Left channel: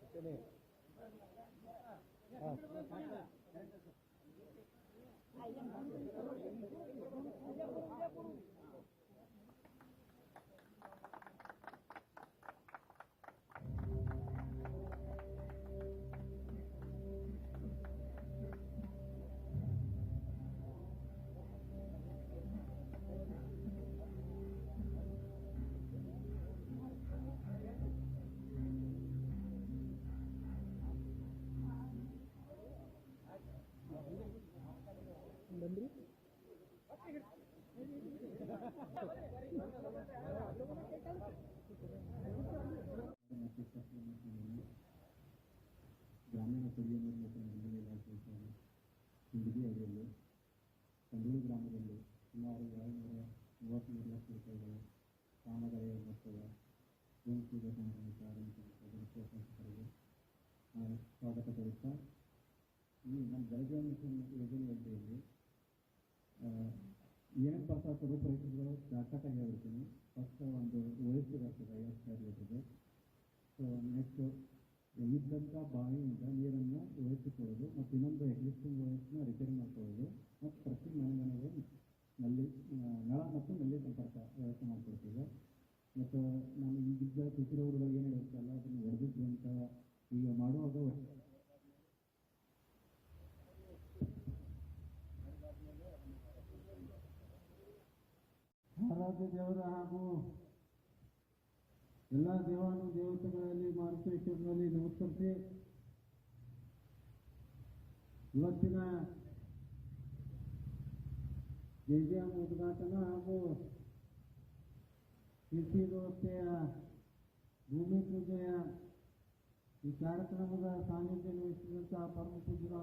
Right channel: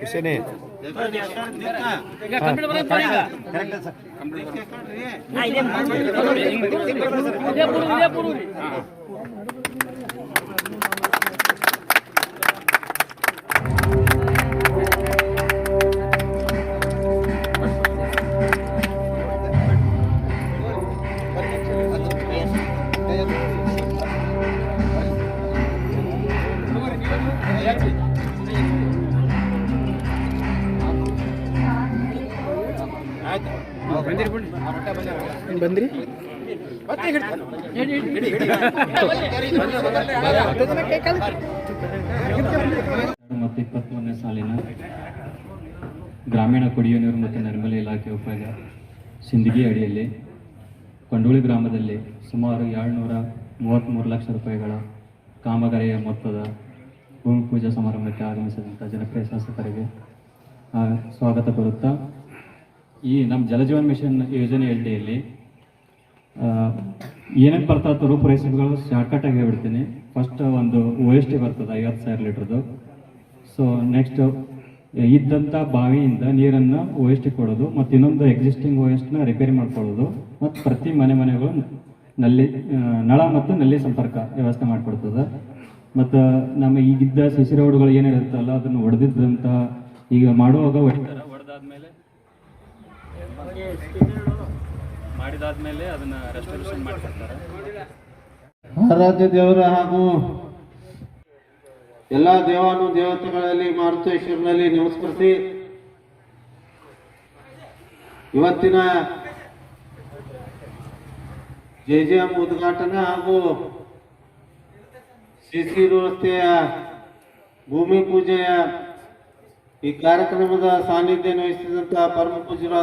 ಖುಷಿನೇ ಬಂದ್ರಿ? ಮತ್ತು ಇಪ್ಪತ್ತೊಂದನೇ ಸಾಲಿನ ಗ್ರಾಮೀಣ ಕುಡಿಯುವ ನೀರು ಮತ್ತು ನೈರ್ಮಲ್ಯ ಇಲಾಖೆ ಉಪಯೋಗ ಸಿಂದಗಿ ಅಡಿಯಲ್ಲಿ ಕೊಂಡೋಳಿ ಗ್ರಾಮದಲ್ಲಿ ಸುಮಾರು ಏಳ್ನೂರ ಮೂವತ್ತ್ಮೂರು ಲಕ್ಷ ರೂಪಾಯಿಗಳ ಕಾಮಗಾರಿಯ ಮೊತ್ತದ ಭೂಮಿ ಪೂಜಾ ಸಮಾರಂಭಕ್ಕೆ ಆಗಮಿಸಿದಂಥ ಜನಪ್ರಿಯ ಶಾಸಕರಿಗೆ ಸ್ವಾಗತ ಕೋರುತ್ತಾ, ಈ ನಮ್ಮ ಜಲಜೀವನ್ ಮಿಷನ್ ಯೋಜನೆ ಅಡಿಯಲ್ಲಿ ಏನೇನು ಬರ್ತಾ ಇತ್ತು ರೂಪುರೇಷೆಗಳು ಶಾರ್ಟ್ಕಟಾಗಿ ಹೇಳ್ಬಿಡ್ತೀನಿ. ಫಸ್ಟ್ ಒಂದು ಓ ಎಸ್ ಟಿ ಬರ್ತದೆ, ಐವತ್ತು ಸಾವಿರ ಲೀಟ್ರದ್ದು. ಸೊ ನೆಕ್ಸ್ಟ್ ಇದ್ದಂಥ ಬಾವಿಯಿಂದ ನೀರನ್ನು ಟಿ ಕೊಡೋದು, ಮತ್ತು ಇನ್ನೊಂದು ಎಕ್ಸಿಸ್ಟಿಂಗ್ ಎಸ್ನ ರಿಪೇರಿ ಮಾಡ್ಕೊಳ್ಳೋದು, ಮತ್ತು ಪ್ರತಿ ಮನೆ ಮನೆಗಳು ನಲ್ಲಿ ನಳ ಮತ್ತು ನಲ್ಲಿ ಸಂಪರ್ಕ ವ್ಯವಸ್ಥೆ ಮಾಡಿಕೊಡ್ತದೆ. ಮತ್ತು ನಮ್ಮ ಈಗಿದ್ದ ಸಸಿ ರೋಡ್ಗಳು ಏನಿರುತ್ತಲ್ಲ ಅದನ್ನು ಹೊಡೆದಿದ್ದಂಥ ಈಗ ಮಾಡುವಾಗ ಹೊಡಿತಾರೆ ಹೊಡೆದಾದ್ಮೇಲೆ ಮಾಡಿದಾದ್ಮೇಲೆ ಅದನ್ನ ರೆಸ್ಟೋರೇಷನ್ ಮಾಡ್ತಾರೆ ಆರಾಧ್ಯ ದೇವರ ಹಾಗೂ ಎಲ್ಲ ದೇವಾನು ದೇವತೆಗಳಲ್ಲಿ ಮಾರುತೇಶ್ವರನಲ್ಲಿ ನಮಸ್ಕರಿಸಿ. ಇವತ್ತಿನ ಜೆ ಜೆ ಎಂ ಉದ್ಘಾಟನೆ ಹಾಗೂ शिशिवृत्त भूमि पूजय कार्यक्रम सानिध्य वह परम पूजर